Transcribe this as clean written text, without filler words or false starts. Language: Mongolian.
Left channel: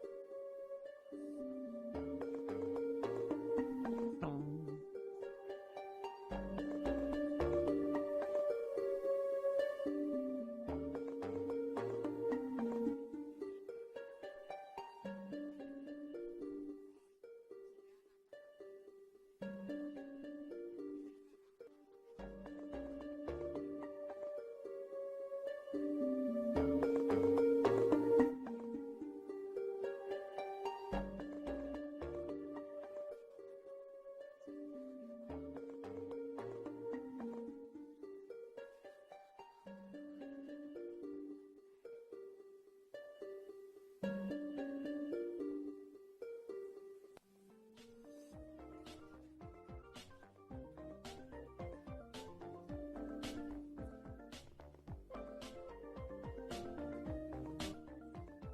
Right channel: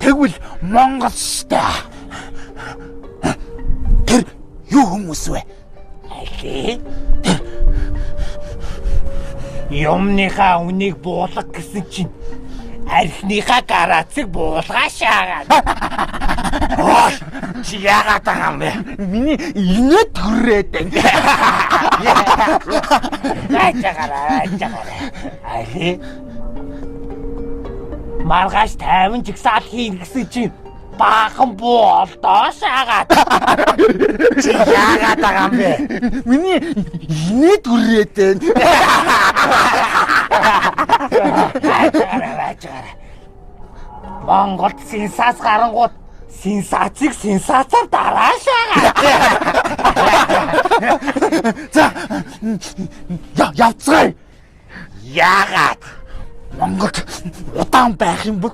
Тэгвэл Монгол штэ. Тэр юу хүмүүс вэ? Али? Юмныхаа үнийг буулга гэсэн чинь архиныхаа гарацыг буулгаа шаагаад. Ой, чи яагаад байгаа юм бэ? Миний инээ төрөөд энэ. Айчаараа. Али? Маргааш 50 жигсаал хийн гэсэн чинь баахан болдоо шаагаад. Чи яагаад байгаа юм бэ? Миний инээ төрөөд энэ. Айчаараа. Монголд сенсац гарангууд сенсацыг сенсацаар дараашаагаа. За явцгаая. Яагаад? Монголд удаан байх юм бол